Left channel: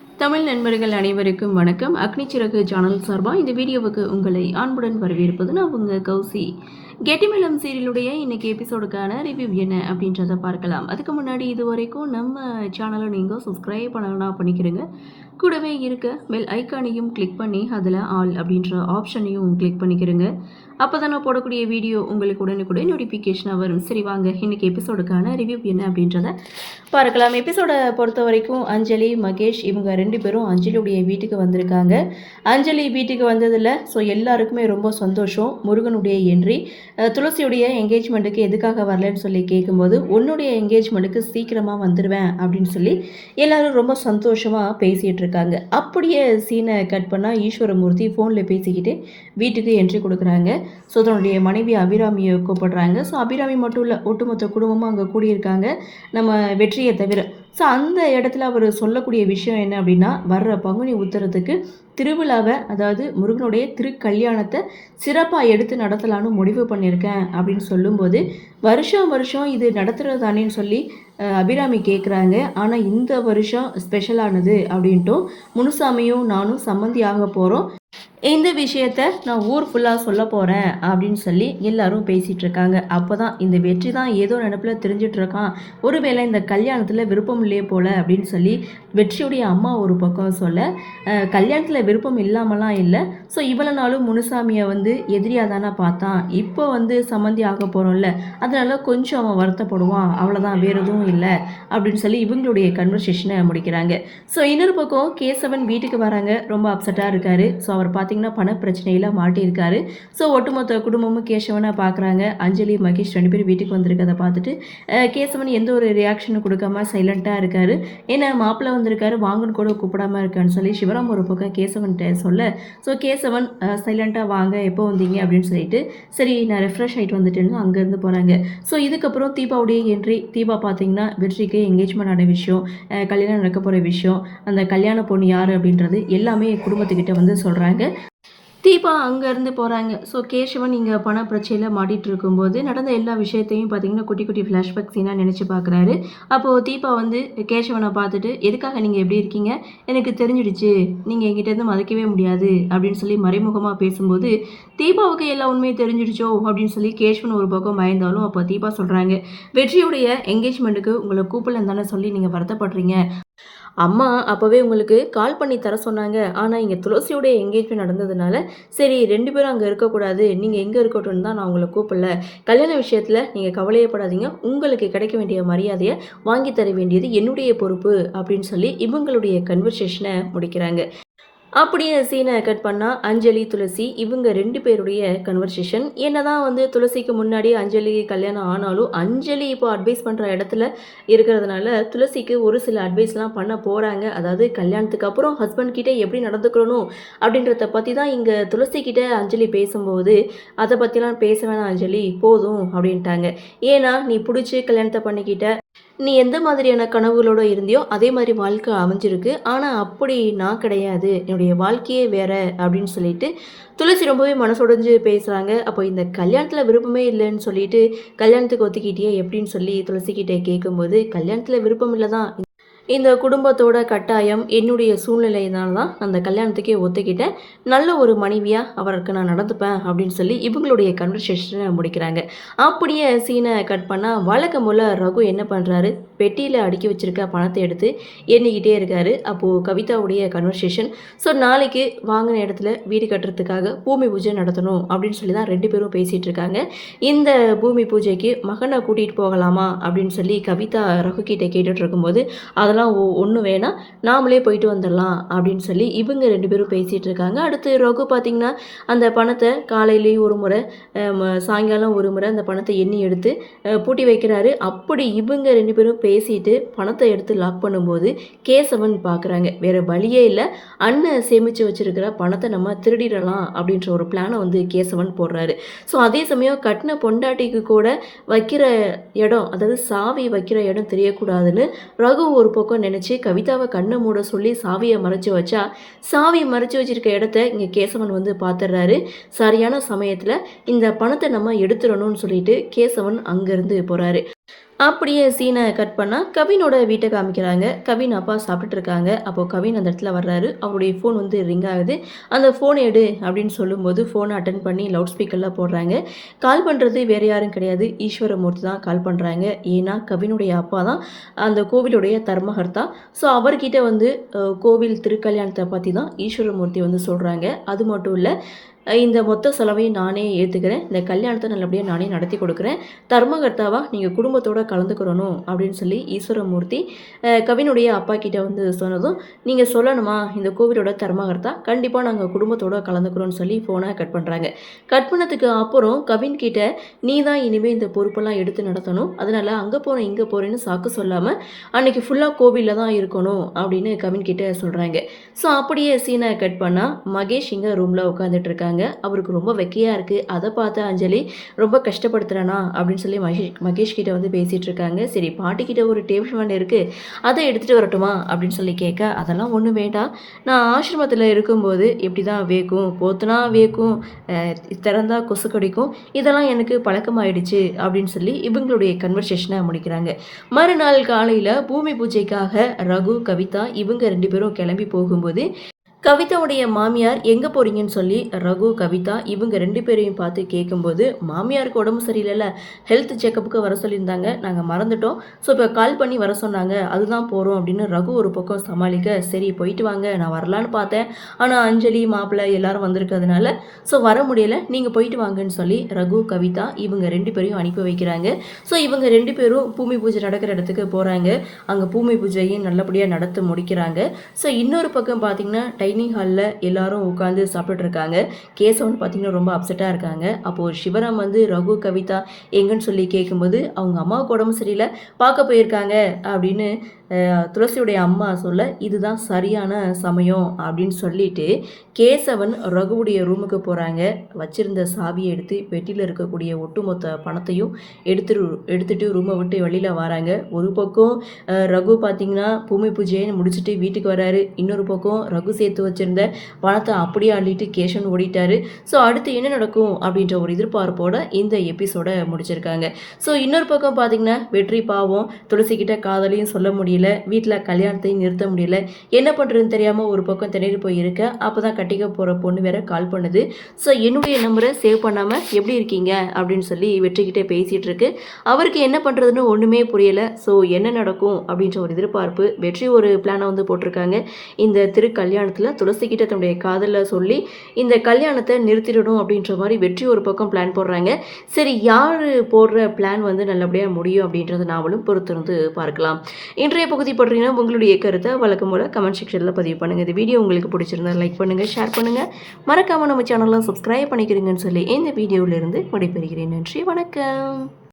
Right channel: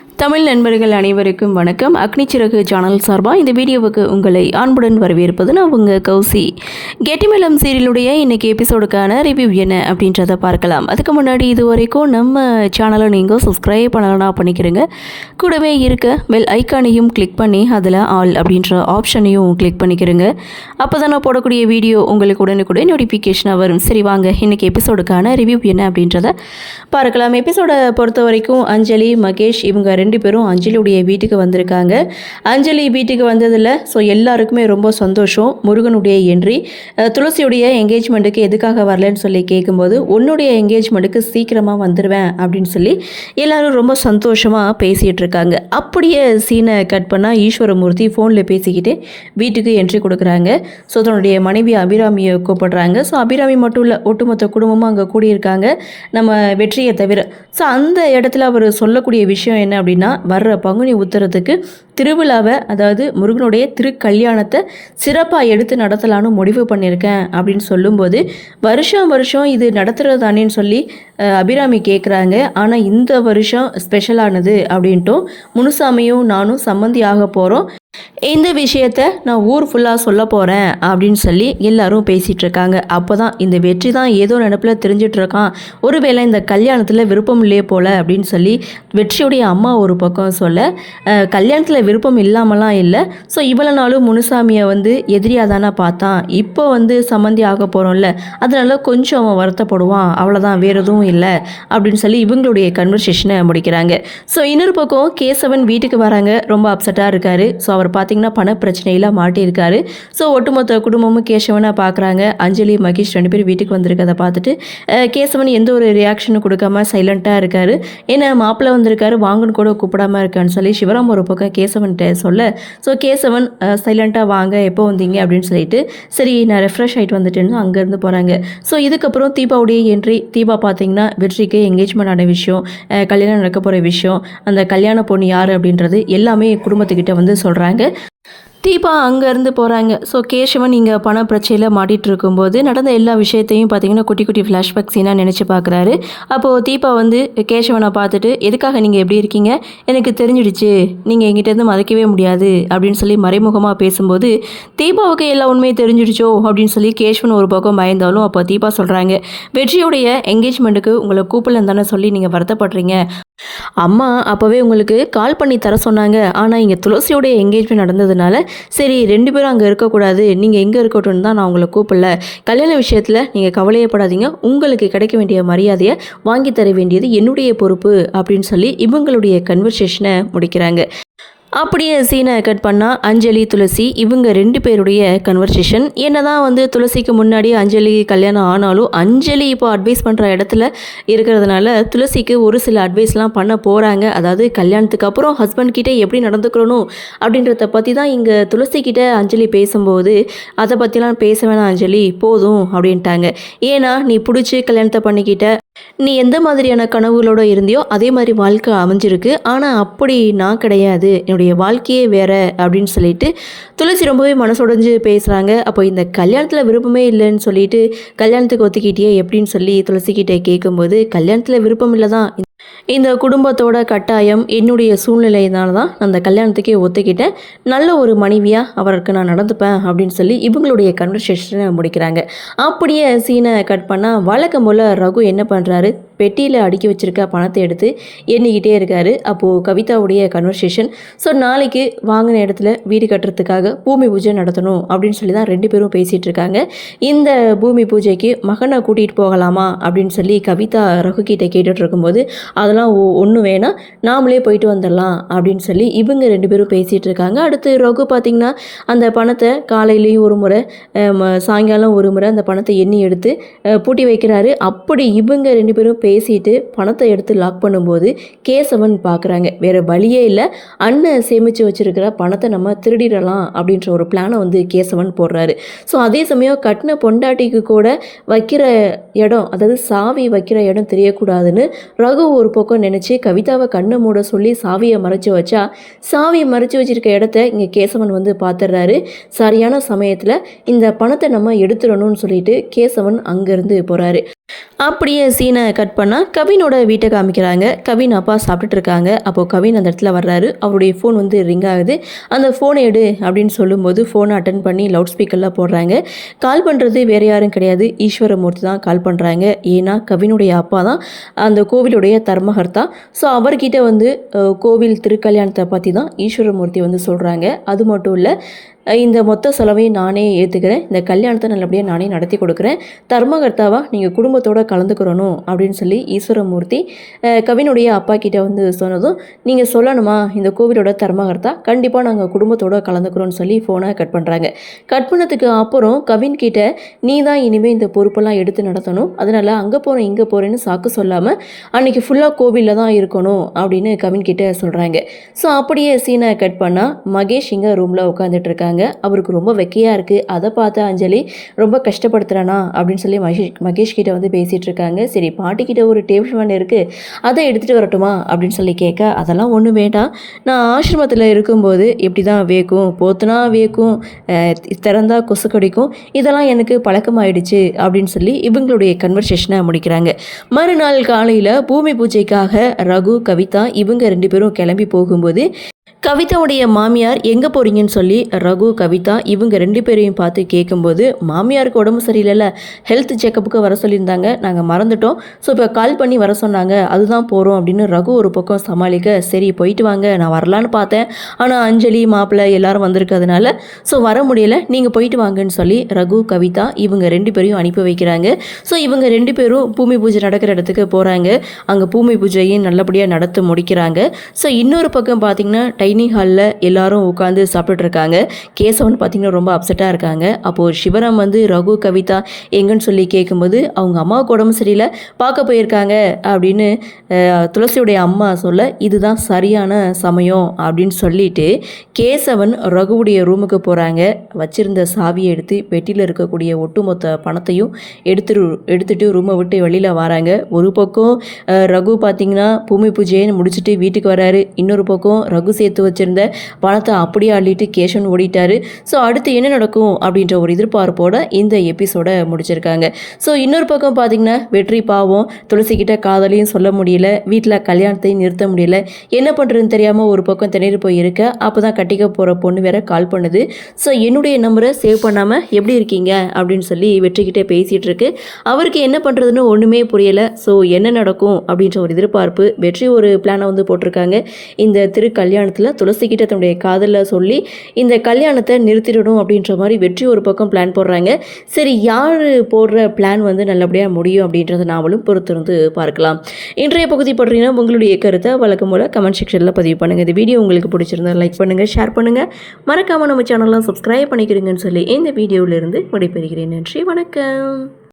தமிழ் நண்பர்கள் அனைவருக்கும் வணக்கம். அக்னி சிறகு சேனல் சார்பாக இந்த வீடியோவுக்கு உங்களை அன்புடன் வரவேற்பது நான் உங்கள் கௌசி. கெட்டிமலம் சீரியலுடைய இன்றைக்கி எபிசோடுக்கான ரிவ்யூ என்ன அப்படின்றத பார்க்கலாம். அதுக்கு முன்னாடி இது வரைக்கும் நம்ம சேனலை நீங்கள் சப்ஸ்கிரைப் பண்ணலாம் பண்ணிக்கிறங்க. கூடவே இருக்க பெல் ஐக்கானையும் கிளிக் பண்ணி அதில் ஆல் அப்படின்ற ஆப்ஷனையும் கிளிக் பண்ணிக்கிறங்க. அப்போ தான் நான் போடக்கூடிய வீடியோ உங்களுக்கு உடனுக்குடன் நோட்டிஃபிகேஷனாக வரும். சரி வாங்க இன்றைக்கி எபிசோடுக்கான ரிவ்யூ என்ன அப்படின்றத பார்க்கலாம். எபிசோடை பொறுத்த வரைக்கும் அஞ்சலி, மகேஷ் இவங்க ரெண்டு பேரும் அஞ்சலியுடைய வீட்டுக்கு வந்திருக்காங்க. அஞ்சலி வீட்டுக்கு வந்ததில் எல்லாருக்குமே ரொம்ப சந்தோஷம். முருகனுடைய என்ட்ரி, துளசியுடைய என்கேஜ்மெண்ட்டுக்கு எதுக்காக வரலன்னு சொல்லி கேட்கும்போது உன்னுடைய என்கேஜ்மெண்ட்டுக்கு சீக்கிரமாக வந்துடுவேன் அப்படின்னு சொல்லி எல்லாரும் ரொம்ப சந்தோஷமாக பேசிகிட்டு இருக்காங்க. அப்படியே சீனை கட் பண்ணால் ஈஸ்வரமூர்த்தி ஃபோனில் பேசிக்கிட்டு வீட்டுக்கு என்ட்ரி கொடுக்குறாங்க. ஸோ தன்னுடைய மனைவி அபிராமியை கூப்பிடுறாங்க. ஸோ அபிராமி மட்டும் இல்லை, ஒட்டுமொத்த குடும்பமும் அங்கே கூடியிருக்காங்க நம்ம வெற்றியை தவிர. ஸோ அந்த இடத்துல அவர் சொல்லக்கூடிய விஷயம் என்ன அப்படின்னா, வர்ற பங்குனி உத்தரத்துக்கு திருவிழாவை, அதாவது முருகனுடைய திருக்கல்யாணத்தை சிறப்பாக எடுத்து நடத்தலான்னு முடிவு பண்ணியிருக்கேன் அப்படின்னு சொல்லும்போது, வருஷம் இது நடத்துகிறது தானேன்னு சொல்லி அபிராமி கேட்குறாங்க. ஆனால் இந்த வருஷம் ஸ்பெஷலானது அப்படின்ட்டும் முனுசாமியும் நானும் சம்மந்தி ஆக போகிறோம், இந்த விஷயத்த நான் ஊர் ஃபுல்லாக சொல்ல போகிறேன் அப்படின்னு சொல்லி எல்லாரும் பேசிகிட்டு இருக்காங்க. அப்போ தான் இந்த வெற்றி தான் ஏதோ நினப்பில் தெரிஞ்சிட்ருக்கான், ஒருவேளை இந்த கல்யாணத்தில் விருப்பம் இல்லையே போல் அப்படின்னு சொல்லி வெற்றியுடைய அம்மா ஒரு பக்கம் சொல்ல, கல்யாணத்தில் விருப்பம் இல்லாமலாம் இல்லை, ஸோ இவ்வளோ நாளும் முனுசாமியை எதிரியாக தானே பார்த்தான், இப்போ சம்மந்தி ஆக போகிறோம்ல, அதனால கொஞ்சம் அவன் வருத்தப்படுவான், அவ்வளோதான், வேறு எதுவும் இல்லை அப்படின்னு சொல்லி இவங்களுடைய கன்வர்சேஷனை முடிக்கிறாங்க. ஸோ இன்னொரு பக்கம் கேசவன் வீட்டுக்கு வராங்க. ரொம்ப அப்செட்டாக இருக்கார். ஸோ அவர் பார்த்திங்கன்னா பண பிரச்சனையில் மாட்டியிருக்காரு. ஸோ ஒட்டுமொத்த குடும்பமும் கேசவனை பார்க்குறாங்க. அஞ்சலி, மகேஷ் ரெண்டு பேரும் வீட்டுக்கு வந்திருக்கதை பார்த்துட்டு கேசவன் எந்த ஒரு ரியாக்ஷனும் கொடுக்காம சைலண்ட்டாக இருக்கார். ஏன்னா மாப்பிள்ளை வந்திருக்காரு, வாங்கன்னு கூட கூப்பிடாமல் இருக்கான்னு சொல்லி சிவராம் ஒரு பக்கம் கேசவன்கிட்ட சொல்ல, ஸோ கேசவன் சைலண்ட்டாக வாங்க, எப்போ வந்தீங்க அப்படின்னு சொல்லிட்டு, சரி நான் ரெஃப்ரெஷ் ஆகிட்டு வந்துட்டேன்னு அங்கேருந்து போகிறாங்க. ஸோ இதுக்கப்புறம் தீபாவுடைய என்ட்ரி. தீபா பார்த்திங்கன்னா வெற்றிக்கு என்கேஜ்மெண்ட் ஆன விஷயம், கல்யாணம் நடக்க போகிற விஷயம், அந்த கல்யாண பொண்ணு யார் அப்படின்றது எல்லாமே குடும்பத்துக்கிட்ட சொல்கிறாங்க. தீபா அங்கேருந்து போகிறாங்க. ஸோ கேசவன் இங்கே பண பிரச்சனையில் மாட்டிகிட்டு இருக்கும்போது நடந்த எல்லா விஷயத்தையும் பார்த்திங்கன்னா குட்டி குட்டி ஃப்ளாஷ்பேக் சீனாக நினச்சி பார்க்குறாரு. அப்போது தீபா கேசவனை பார்த்துட்டு, எதுக்காக நீங்கள் எப்படி இருக்கீங்க, எனக்கு தெரிஞ்சிடுச்சு, நீங்கள் எங்கிட்டேருந்து மறைக்கவே முடியாது அப்படின்னு சொல்லி மறைமுகமாக பேசும்போது, தீபாவுக்கு எல்லா உண்மையும் தெரிஞ்சிடுச்சோ அப்படின்னு சொல்லி கேசவன் ஒரு பக்கம் பயந்தாலும், அப்போ தீபா சொல்கிறாங்க, வெற்றியுடைய என்கேஜ்மெண்ட்டுக்கு உங்களை கூப்பிடலன்னு தானே சொல்லி நீங்கள் வருத்தப்படுறீங்க, அம்மா அப்போவே உங்களுக்கு கால் பண்ணி தர சொன்னாங்க, ஆனால் இங்கே துளசியோடைய என்கேஜ்மெண்ட் நடந்ததுனால சரி ரெண்டு பேரும் அங்கே இருக்கக்கூடாது, நீங்கள் எங்கே இருக்கட்டும்னு தான் நான் உங்களை கூப்பிடல, கல்யாண விஷயத்தில் நீங்கள் கவலையப்படாதீங்க, உங்களுக்கு கிடைக்க வேண்டிய மரியாதையை வாங்கி தர வேண்டியது என்னுடைய பொறுப்பு அப்படின்னு சொல்லி இவங்களுடைய கன்வர்சேஷனை முடிக்கிறாங்க. அப்படியே சீனை கட் பண்ணால் அஞ்சலி, துளசி இவங்க ரெண்டு பேருடைய கன்வர்சேஷன். என்ன தான் துளசிக்கு முன்னாடி அஞ்சலி கல்யாணம் ஆனாலும் அஞ்சலி இப்போ அட்வைஸ் பண்ணுற இடத்துல இருக்கிறதுனால துளசிக்கு ஒரு சில அட்வைஸ்லாம் பண்ண போகிறாங்க. அதாவது கல்யாணத்துக்கு அப்புறம் ஹஸ்பண்ட் கிட்டே எப்படி நடந்துக்கணும் அப்படின்றத பற்றி தான் இங்கே துளசிக்கிட்ட அஞ்சலி பேசும்போது, அதை பற்றிலாம் பேச வேணாம் அஞ்சலி, போதும் அப்படின்ட்டாங்க. ஏன்னா நீ பிடிச்சி கல்யாணத்தை பண்ணிக்கிட்ட, நீ எந்த மாதிரியான கனவுகளோடு இருந்தியோ அதே மாதிரி வாழ்க்கை அமைஞ்சிருக்கு, ஆனால் அப்படி நான் கிடையாது, என்னுடைய வாழ்க்கையே வேற அப்படின்னு சொல்லிட்டு துளசி ரொம்பவே மனசுடைஞ்சு பேசுகிறாங்க. அப்போ இந்த கல்யாணத்தில் விருப்பமே இல்லைன்னு சொல்லிட்டு கல்யாணத்துக்கு ஒத்துக்கிட்டியே எப்படின்னு சொல்லி துளசிக்கிட்டே கேட்கும்போது, கல்யாணத்தில் விருப்பம் இல்லை தான், இந்த குடும்பத்தோட கட்டாயம், என்னுடைய சூழ்நிலையினால தான் அந்த கல்யாணத்துக்கே ஒத்துக்கிட்டேன், நல்ல ஒரு மனைவியாக அவருக்கு நான் நடந்துப்பேன் அப்படின்னு சொல்லி இவங்களுடைய கன்வர்சேஷனை முடிக்கிறாங்க. அப்படியே சீனை கட் பண்ணால் வழக்கம் போல் ரகு என்ன பண்ணுறாரு, பெட்டியில் அடுக்கி வச்சுருக்க பணத்தை எடுத்து எண்ணிக்கிட்டே இருக்கார். அப்போது கவிதாவுடைய கன்வர்சேஷன். ஸோ நாளைக்கு வாங்கின இடத்துல வீடு கட்டுறதுக்காக பூமி பூஜை நடத்தணும் அப்படின்னு சொல்லி தான் ரெண்டு பேரும் பேசிகிட்டு இருக்காங்க. இந்த பூமி பூஜைக்கு மகனை கூட்டிகிட்டு போகலாமா அப்படின்னு சொல்லி கவிதா ரகு கிட்டே கேட்டுட்டு இருக்கும்போது, அதெல்லாம் ஒன்றும் வேணாம், நாமளே போயிட்டு வந்துடலாம் அப்படின்னு சொல்லி இவங்க ரெண்டு பேரும் பேசிகிட்டு இருக்காங்க. அடுத்து ரகு பார்த்திங்கன்னா அந்த பணத்தை காலையிலையும் ஒரு முறை, சாயங்காலம் ஒரு முறை அந்த பணத்தை எண்ணி எடுத்து பூட்டி வைக்கிறாரு. அப்படி இவங்க ரெண்டு பேரும் பேசிட்டு பணத்தை எடுத்து லாக் பண்ணும்போது கேசவன் பார்க்குறாங்க, வேறு வழியே இல்லை, அண்ணன் சேமித்து வச்சுருக்கிற பணத்தை நம்ம திருடிடலாம் அப்படின்ற ஒரு பிளானை கேசவன் போடுறாரு. ஸோ அதே சமயம் கட்டின பொண்டாட்டிக்கு கூட வைக்கிற இடம், அதாவது சாவி வைக்கிற இடம் தெரியக்கூடாதுன்னு ரகு ஒரு பக்கம் நினச்சி கவிதாவை கண்ணை மூட சொல்லி சாவியை மறைச்சி வச்சா, சாவியை மறைச்சி வச்சிருக்க இடத்த இங்கே கேசவன் பார்த்துடுறாரு. சரியான சமயத்தில் இந்த பணத்தை நம்ம எடுத்துடணும்னு சொல்லிட்டு கேசவன் அங்கேருந்து போகிறாரு. அப்படியே சீனை கட் பண்ணால் கவினோட வீட்டை காமிக்கிறாங்க. கவின் அப்பா சாப்பிட்டுட்டு இருக்காங்க. அப்போது கவின் அந்த இடத்துல வர்றாரு. அவருடைய ஃபோன் வந்து ரிங் ஆகுது. அந்த ஃபோனை எடு அப்படின்னு சொல்லும்போது ஃபோனை அட்டன் பண்ணி லவுட் ஸ்பீக்கரில் போடுறாங்க. கால் பண்ணுறது வேறு யாரும் கிடையாது, ஈஸ்வரமூர்த்தி தான் கால் பண்ணுறாங்க. ஏன்னா கவினுடைய அப்பா தான் அந்த கோவிலுடைய தர்மகர்த்தா. ஸோ அவர்கிட்ட வந்து கோவில் திருக்கல்யாணத்தை பற்றி தான் ஈஸ்வரமூர்த்தி வந்து சொல்கிறாங்க. அது மட்டும் இல்லை, இந்த மொத்த செலவையும் நானே ஏற்றுக்கிறேன், இந்த கல்யாணத்தை நல்லபடியாக நானே நடத்தி கொடுக்குறேன், தர்மகர்த்தாவாக நீங்கள் குடும்பத்தோடு கலந்துக்கிறணும் அப்படின்னு சொல்லி ஈஸ்வரமூர்த்தி கவினுடைய அப்பா கிட்ட வந்து சொன்னதும், நீங்கள் சொல்லணுமா இந்த கோவிலோட தர்மகர்த்தா, கண்டிப்பாக நாங்கள் குடும்பத்தோடு கலந்துக்கிறோன்னு சொல்லி ஃபோனை கட் பண்ணுறாங்க. கட் பண்ணதுக்கு அப்புறம் கவின் கிட்ட, நீ தான் இனிமேல் இந்த பொறுப்பெல்லாம் எடுத்து நடத்தணும், அதனால் அங்கே போகிறேன் இங்கே போகிறேன்னு சாக்கு சொல்லாமல் அன்றைக்கி ஃபுல்லாக கோவிலில் தான் இருக்கணும் அப்படின்னு கவின் கிட்ட சொல்கிறாங்க. ஸோ அப்படியே சீனை கட் பண்ணால் மகேஷ் இங்கே ரூமில் உட்காந்துட்டு இருக்காங்க. அவருக்கு ரொம்ப வெக்கையாக இருக்குது. அதை பார்த்து அஞ்சலி ரொம்ப கஷ்டப்படுத்துகிறானா அப்படின்னு சொல்லி மகேஷ் கிட்ட வந்து பேசிகிட்டு இருக்காங்க. சரி, பாட்டிக்கிட்ட ஒரு டேபிள் ஃபேன் இருக்குது, அதை எடுத்துகிட்டு வரட்டுமா அப்படின்னு சொல்லி கேட்க, அதெல்லாம் ஒன்றும் வேண்டாம், நான் ஆசிரமத்தில் இருக்கும்போது எப்படி தான் வேக்கும், போத்துனா வேக்கும், திறந்தா கொசு கடிக்கும், இதெல்லாம் எனக்கு பழக்கமாயிடுச்சு அப்படின்னு சொல்லி இவங்களுடைய கன்வர்சேஷனை முடிக்கிறாங்க. மறுநாள் காலையில் பூமி பூஜைக்காக ரகு, கவிதா இவங்க 2 பேரும் கிளம்பி போகும்போது கவிதாவுடைய மாமியார் எங்கே போகிறீங்கன்னு சொல்லி ரகு, கவிதா இவங்க 2 பேரையும் பார்த்து கேட்கும்போது, மாமியாருக்கு உடம்பு சரியில்லைல்ல, ஹெல்த் செக்கப்புக்கு வர சொல்லியிருந்தாங்க, நாங்கள் மறந்துட்டோம், ஸோ இப்போ கால் பண்ணி வர சொன்னாங்க, அதுதான் போகிறோம் அப்படின்னு ரகு ஒரு பக்கம் சமாளிக்க, சரி போயிட்டு வாங்க, நான் வரலான்னு பார்த்தேன், ஆனால் அஞ்சலி மாப்பிள்ளை எல்லாரும் வந்திருக்கிறதுனால ஸோ வர முடியலை, நீங்கள் போயிட்டு வாங்கன்னு சொல்லி ரகு, கவிதா இவங்க 2 பேரையும் அனுப்பி வைக்கிறாங்க. ஸோ இவங்க 2 பேரும் பூமி பூஜை நடக்கிற இடத்துக்கு போகிறாங்க. அங்கே பூமி பூஜையும் நல்லபடியாக நடத்த முடிக்கிறாங்க. ஸோ இன்னொரு பக்கம் பார்த்திங்கன்னா டைனிங் ஹாலில் எல்லாரும் உட்காந்து சாப்பிட்டுட்டு இருக்காங்க. கேசவன் பார்த்திங்கன்னா ரொம்ப அப்செட்டாக இருக்காங்க. அப்போது சிவராம் வந்து ரகு, கவிதா எங்கன்னு சொல்லி கேட்கும்போது, அவங்க அம்மாவுக்கு உடம்பு சரியில்லை, பார்க்க போயிருக்காங்க அப்படின்னு துளசியுடைய அம்மா சொல்ல, இதுதான் சரியான சமயம் அப்படின்னு சொல்லிட்டு கேசவன் ரகுவுடைய ரூமுக்கு போகிறாங்க. வச்சிருந்த சாவியை எடுத்து பெட்டியில் இருக்கக்கூடிய ஒட்டுமொத்த பணத்தையும் எடுத்துட்டு ரூமை விட்டு வெளியில் வராங்க. ஒரு பக்கம் ரகு பார்த்திங்கன்னா பூமி பூஜையை முடிச்சுட்டு வீட்டுக்கு வராரு. இன்னொரு பக்கம் ரகு சேர்த்து வச்சிருந்த பணத்தை அப்படியே அள்ளிட்டு கேஷன் ஓடிட்டாரு. ஸோ அடுத்து என்ன நடக்கும் அப்படின்ற ஒரு எதிர்பார்ப்போட இந்த எபிசோட முடிச்சிருக்காங்க. ஸோ இன்னொரு பக்கம் பார்த்தீங்கன்னா வெற்றி பாவம் துளசிக்கிட்ட காதலையும் சொல்ல முடியல, வீட்டில் கல்யாணத்தையும் நிறுத்த முடியல, என்ன பண்ணுறதுன்னு தெரியாமல் ஒரு பக்கம் திணறி போய் இருக்க. அப்போ தான் கட்டிக்க போகிற பொண்ணு வேற கால் பண்ணுது. ஸோ என்னுடைய நம்பரை சேவ் பண்ணாமல் எப்படி இருக்கீங்க அப்படின்னு சொல்லி வெற்றிக்கிட்டே பேசிகிட்டு இருக்கு. அவருக்கு என்ன பண்ணுறதுன்னு ஒன்றுமே புரியலை. ஸோ என்ன நடக்கும் அப்படின்ற ஒரு எதிர்பார்ப்பு. வெற்றி ஒரு பிளானை வந்து போட்டிருக்காங்க. இந்த கல்யாணத்தில் துளசிக்கிட்ட தன்னுடைய காதலில் சொல்லி இந்த கல்யாணத்தை நிறுத்திடணும் அப்படின்ற மாதிரி வெற்றி ஒரு பக்கம் பிளான் போடுறாங்க. சரி, யார் போடுற பிளான் வந்து நல்லபடியாக முடியும் அப்படின்றத நாமளும் பொறுத்திருந்து பார்க்கலாம். இன்றைய பகுதி பற்றினா உங்களுடைய கருத்தை வழக்கம் போல் கமெண்ட் செக்ஷனில் பதிவு பண்ணுங்கள். இந்த வீடியோ உங்களுக்கு பிடிச்சிருந்தா லைக் பண்ணுங்கள், ஷேர் பண்ணுங்கள், மறக்காமல் நம்ம சேனலை சப்ஸ்கிரைப் பண்ணிக்கிறீங்கன்னு சொல்லி இந்த வீடியோவிலிருந்து விடைபெறுகிறேன். நன்றி, வணக்கம்.